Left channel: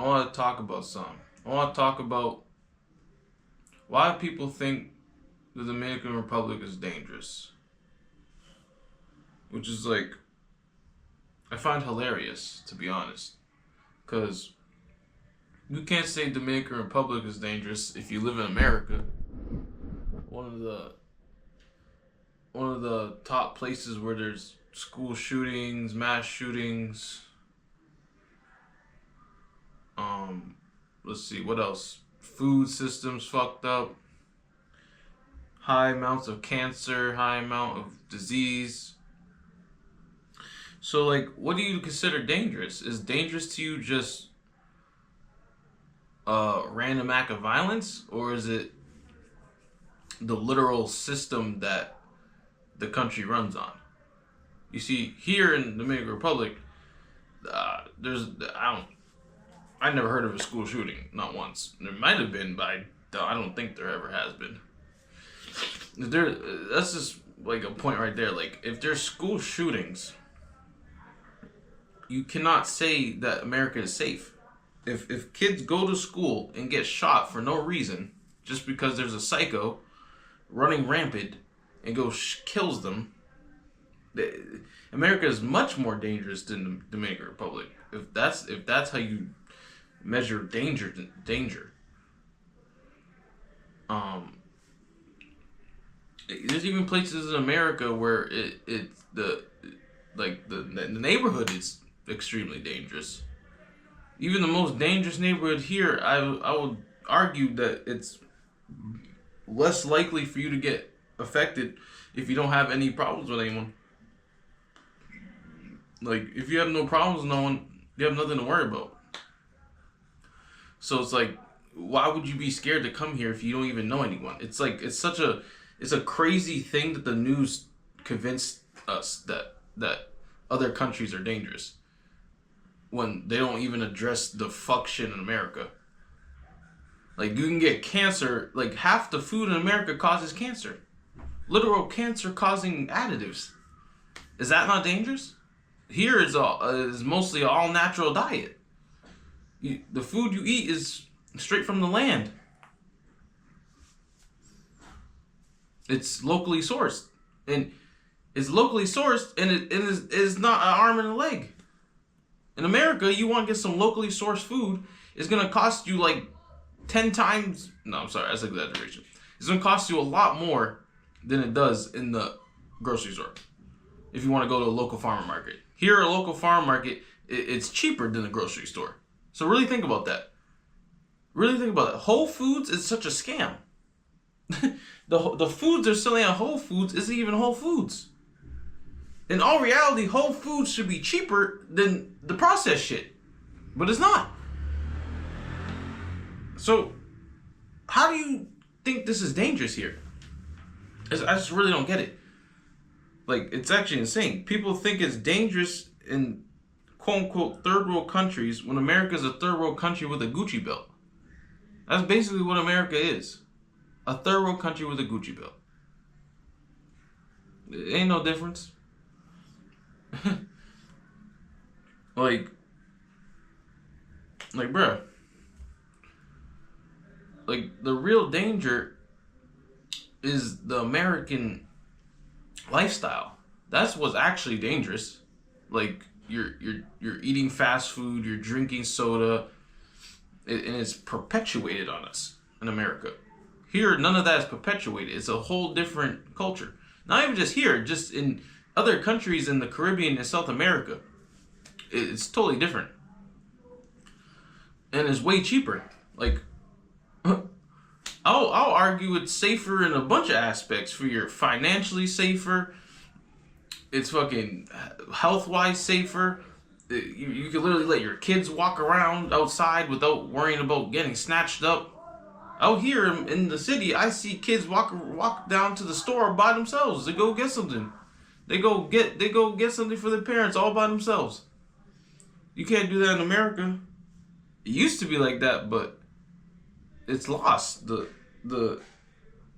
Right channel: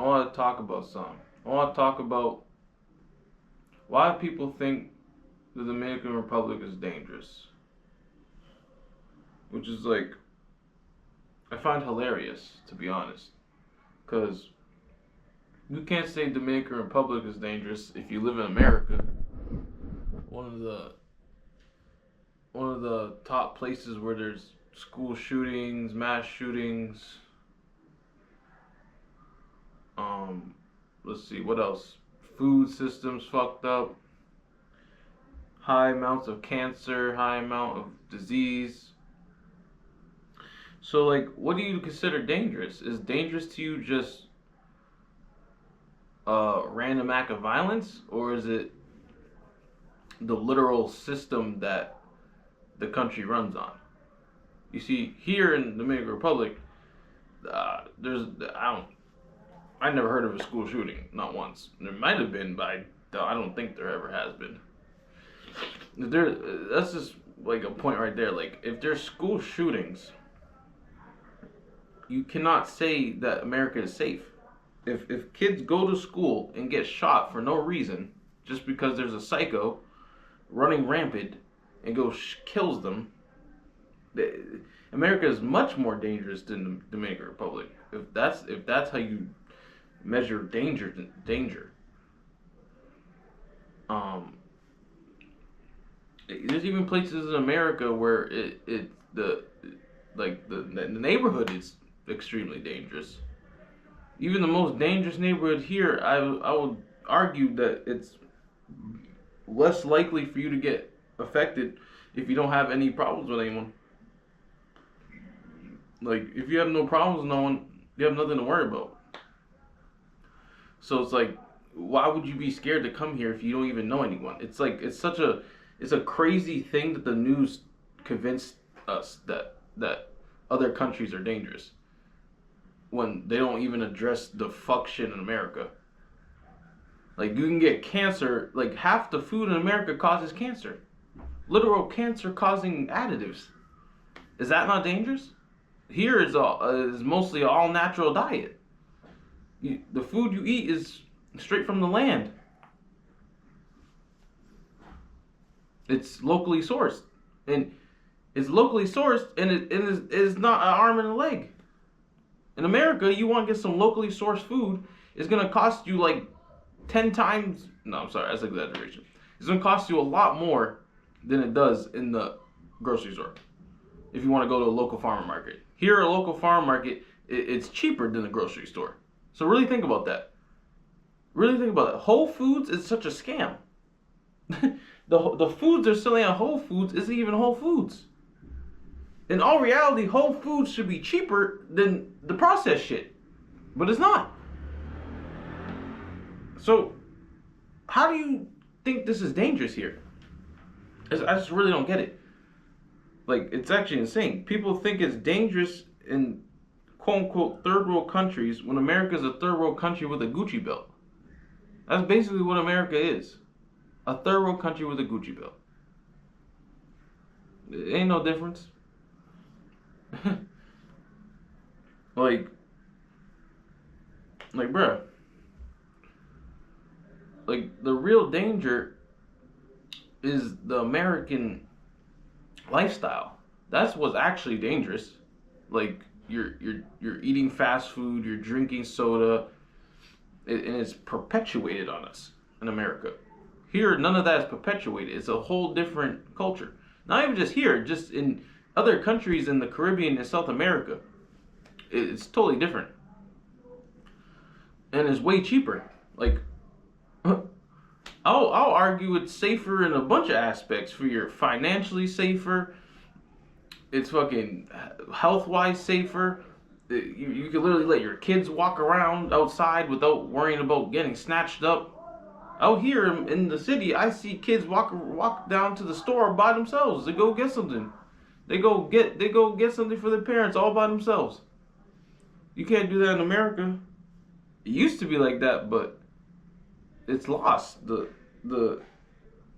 I want to talk about something. I want to talk about why people think the Dominican Republic is dangerous, which is like I find hilarious, to be honest, because you can't say Dominican Republic is dangerous if you live in America, one of the one of the top places where there's school shootings, mass shootings. Um, let's see what else. Food systems fucked up. High amounts of cancer, high amount of disease. So, like, what do you consider dangerous? Is dangerous to you just a random act of violence, or is it the literal system that the country runs on? You see, here in the Dominican Republic, there's I never heard of a school shooting, not once. There might have been, but I don't think there ever has been. There, that's just like a point right there. Like, if there's school shootings, you cannot say that America is safe. If kids go to school and get shot for no reason, just because there's a psycho running rampant and kills them, America is much more dangerous than the Dominican Republic. If that's how you measure danger. There's even places in America where the neighborhood is extremely dangerous. Even the most dangerous neighborhood here, I would argue that it's less likely for you to get affected if you don't have any problems with anyone. Like, if you have no problems with no one, you have nothing to worry about. So it's like, why would you be scared to come here if you don't even know anyone? It's like, it's a crazy thing that the news convinced us that other countries are dangerous when they don't even address the fuck shit in America. Like, you can get cancer. Like, half the food in America causes cancer. Literal cancer causing additives. Is that not dangerous? Here is mostly an all natural diet. The food you eat is straight from the land. It's locally sourced, and it is not an arm and a leg. In America, you want to get some locally sourced food, it's gonna cost you like 10 times. No, I'm sorry, that's an exaggeration. It's gonna cost you a lot more than it does in the grocery store if you want to go to a local farmer market. Here, a local farm market, it's cheaper than the grocery store. So really think about that. Really think about it. Whole Foods is such a scam. The foods they're selling at Whole Foods isn't even Whole Foods. In all reality, Whole Foods should be cheaper than the processed shit. But it's not. So, how do you think this is dangerous here? I just really don't get it. Like, it's actually insane. People think it's dangerous in quote-unquote third world countries when America is a third world country with a Gucci belt. That's basically what America is. A third world country with a Gucci belt. It ain't no difference. like, bruh. Like, the real danger is the American lifestyle. That's what's actually dangerous. Like, you're eating fast food, you're drinking soda, and it's perpetuated on us in America. Here, none of that is perpetuated. It's a whole different culture. Not even just here, just in other countries in the Caribbean and South America. It's totally different. And it's way cheaper. Like, I'll argue it's safer in a bunch of aspects. For your financially safer, it's fucking health-wise safer. You can literally let your kids walk around outside without worrying about getting snatched up. Out here in the city, I see kids walk down to the store by themselves. They go get something. They go get something for their parents all by themselves. You can't do that in America. It used to be like that, but it's lost. The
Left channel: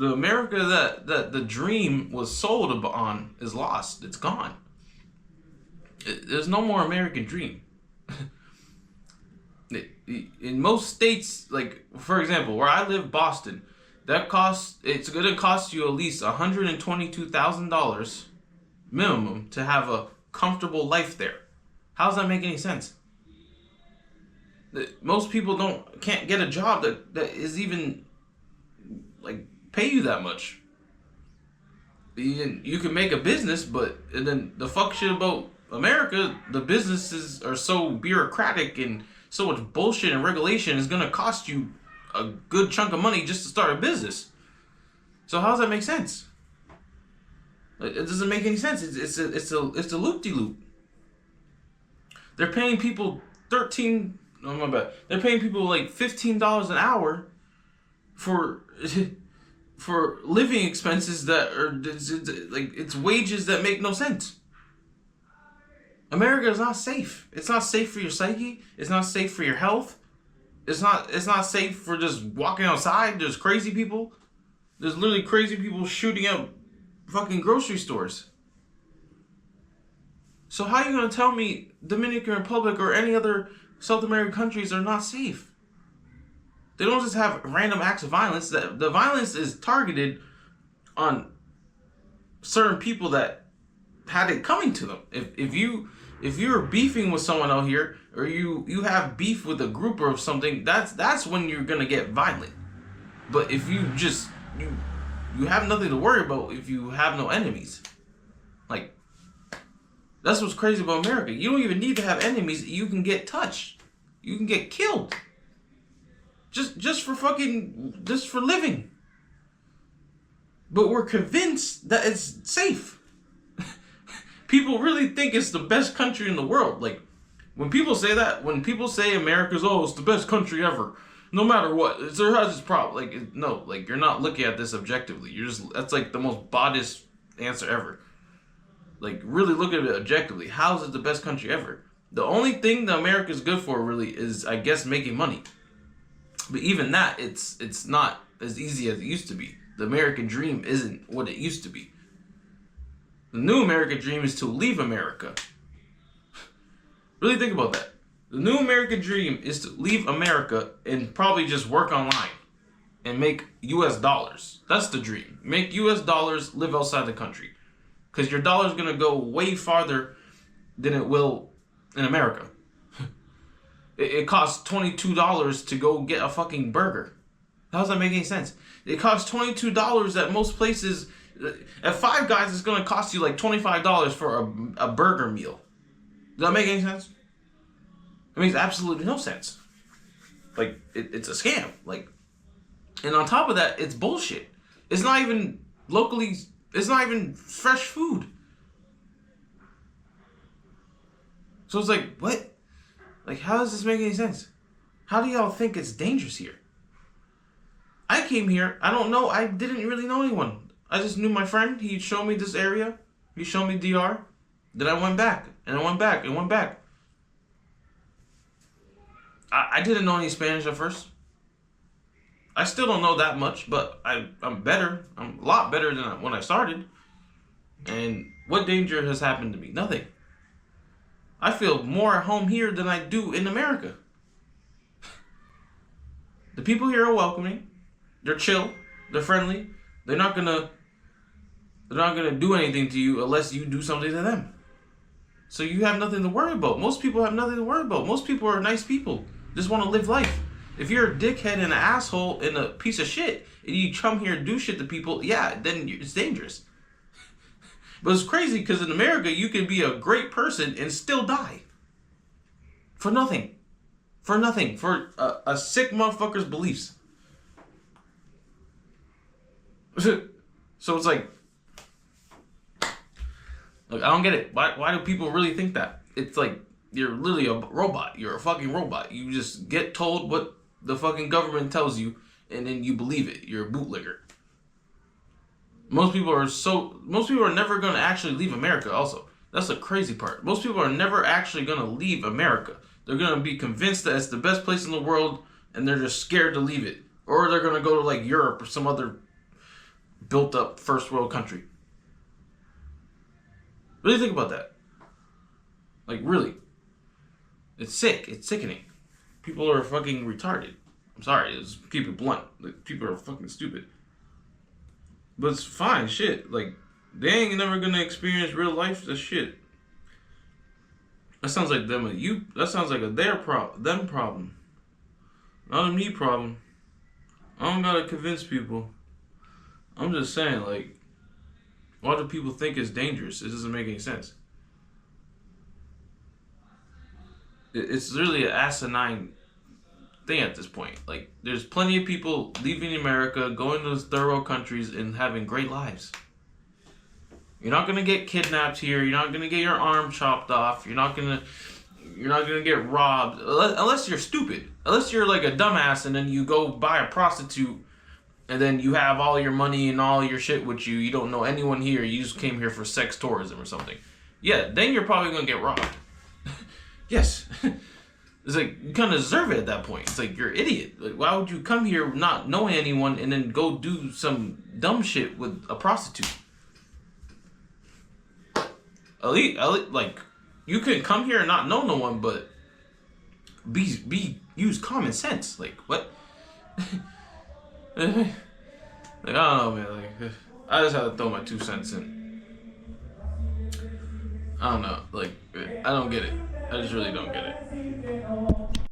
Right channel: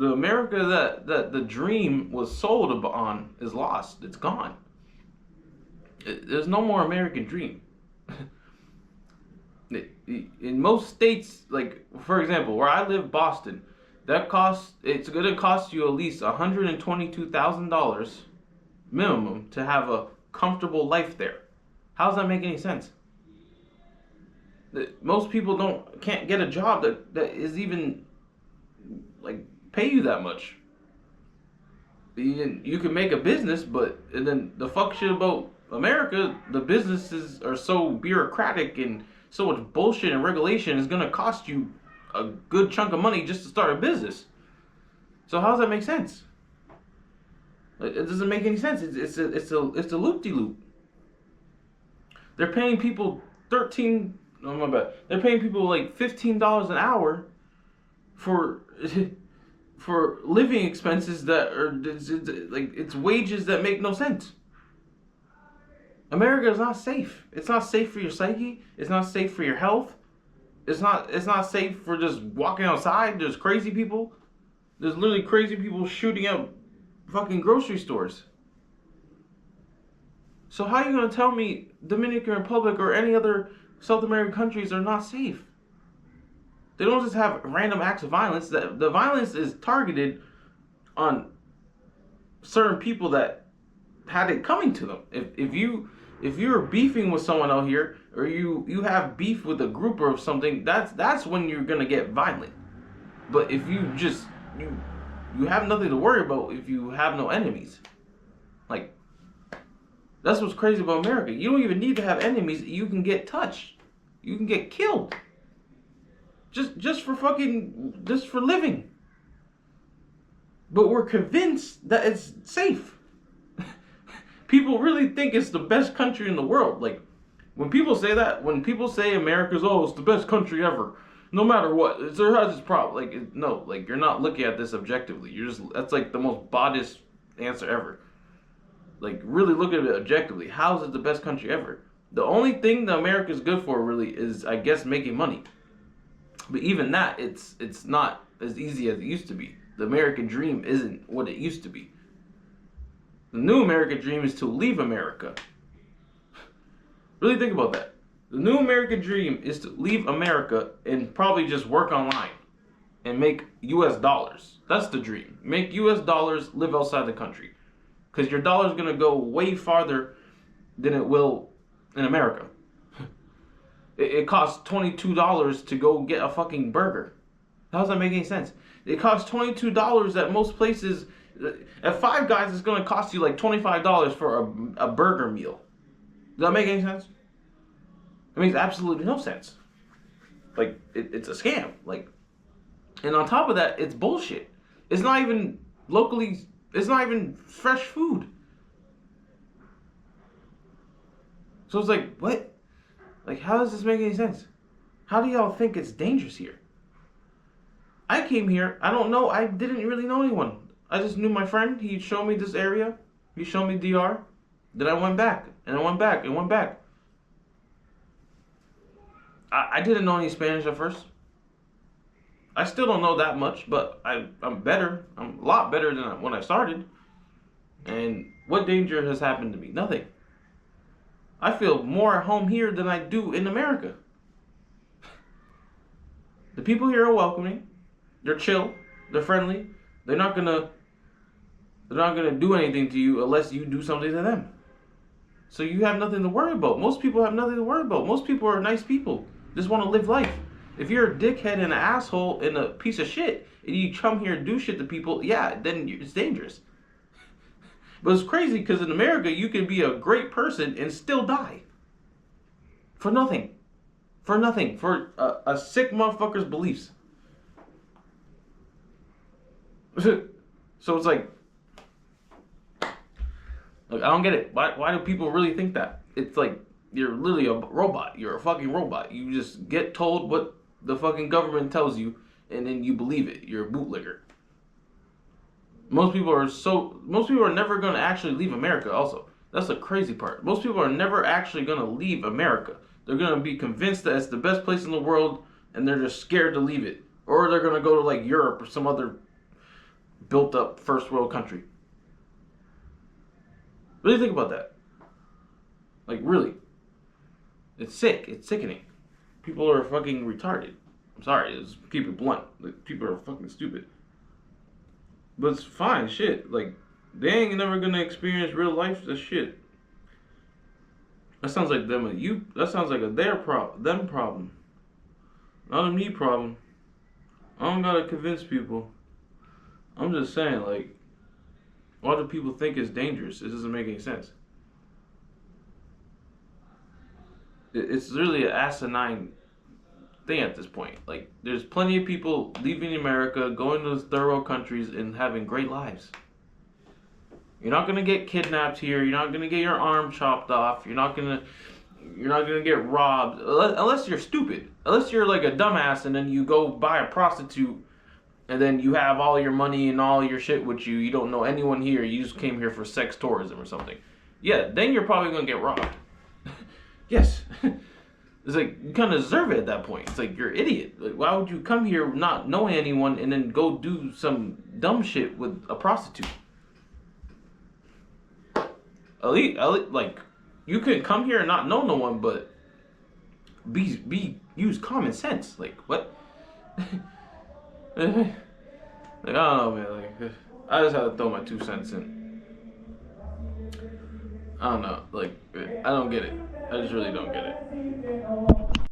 America that the dream was sold on is lost. It's gone. There's no more American dream. In most states, like for example, where I live, Boston, it's gonna cost you at least $122,000 minimum to have a comfortable life there. How does that make any sense? Most people can't get a job that is even like pay you that much. You can make a business, but and then the fuck shit about America, the businesses are so bureaucratic and so much bullshit and regulation is gonna cost you a good chunk of money just to start a business. So how does that make sense? It doesn't make any sense. It's a loop-de-loop. They're paying people They're paying people like $15 an hour for for living expenses that are like it's wages that make no sense. America is not safe. It's not safe for your psyche. It's not safe for your health. It's not safe for just walking outside. There's crazy people. There's literally crazy people shooting up fucking grocery stores. So how are you gonna tell me Dominican Republic or any other South American countries are not safe? They don't just have random acts of violence. The violence is targeted on certain people that had it coming to them. If you're beefing with someone out here, or you have beef with a group or something, that's when you're gonna get violent. But if you have nothing to worry about if you have no enemies. Like, that's what's crazy about America. You don't even need to have enemies. You can get touched. You can get killed. Just for living. But we're convinced that it's safe. People really think it's the best country in the world. Like, when people say that, when people say America's, it's the best country ever, no matter what, it has its problem. Like, no, like, you're not looking at this objectively. That's like the most biased answer ever. Like, really look at it objectively. How is it the best country ever? The only thing that America is good for, really, is, I guess, making money. But even that, it's not as easy as it used to be. The American dream isn't what it used to be. The new American dream is to leave America. Really think about that. The new American dream is to leave America and probably just work online and make US dollars. That's the dream. Make US dollars, live outside the country. Because your dollar's going to go way farther than it will in America. It costs $22 to go get a fucking burger. How does that make any sense? It costs $22 at most places. At Five Guys, it's going to cost you like $25 for a burger meal. Does that make any sense? It makes absolutely no sense. Like, it's a scam. Like, and on top of that, it's bullshit. It's not even locally... It's not even fresh food. So it's like, what? Like, how does this make any sense? How do y'all think it's dangerous here? I came here, I don't know, I didn't really know anyone. I just knew my friend, he showed me this area, he showed me DR. Then I went back, and I went back, and went back. I didn't know any Spanish at first. I still don't know that much, but I'm better. I'm a lot better than when I started. And what danger has happened to me? Nothing. I feel more at home here than I do in America. The people here are welcoming. They're chill. They're friendly. They're not gonna do anything to you unless you do something to them. So you have nothing to worry about. Most people have nothing to worry about. Most people are nice people. Just want to live life. If you're a dickhead and an asshole and a piece of shit, and you come here and do shit to people, yeah, then it's dangerous. But it's crazy because in America, you can be a great person and still die. For nothing. For nothing. For a sick motherfucker's beliefs. So it's like, look, I don't get it. Why do people really think that? It's like, you're literally a robot. You're a fucking robot. You just get told what the fucking government tells you, and then you believe it. You're a bootlegger. Most people are never going to actually leave America also. That's the crazy part. Most people are never actually going to leave America. They're going to be convinced that it's the best place in the world, and they're just scared to leave it. Or they're going to go to like Europe or some other built up first world country. Really think about that. Like, really. It's sick. It's sickening. People are fucking retarded. I'm sorry, just keep it blunt. Like, people are fucking stupid. But it's fine, shit. Like, they ain't never gonna experience real life. That shit. That sounds like them. That sounds like them problem, not a me problem. I don't gotta convince people. I'm just saying, like, why do people think it's dangerous? It doesn't make any sense. It's really an asinine thing at this point. Like, there's plenty of people leaving America, going to third world countries, and having great lives. You're not gonna get kidnapped here. You're not gonna get your arm chopped off. You're not gonna get robbed unless you're stupid. Unless you're like a dumbass and then you go buy a prostitute and then you have all your money and all your shit with you. You don't know anyone here. You just came here for sex tourism or something. Yeah, then you're probably gonna get robbed. Yes. It's like, you kind of deserve it at that point. It's like, you're an idiot. Like, why would you come here not knowing anyone and then go do some dumb shit with a prostitute? At least, like, you can come here and not know no one, but use common sense. Like, what? Like, I don't know, man. Like, I just had to throw my 2 cents in. I don't know. Like, I don't get it. I just really don't get it.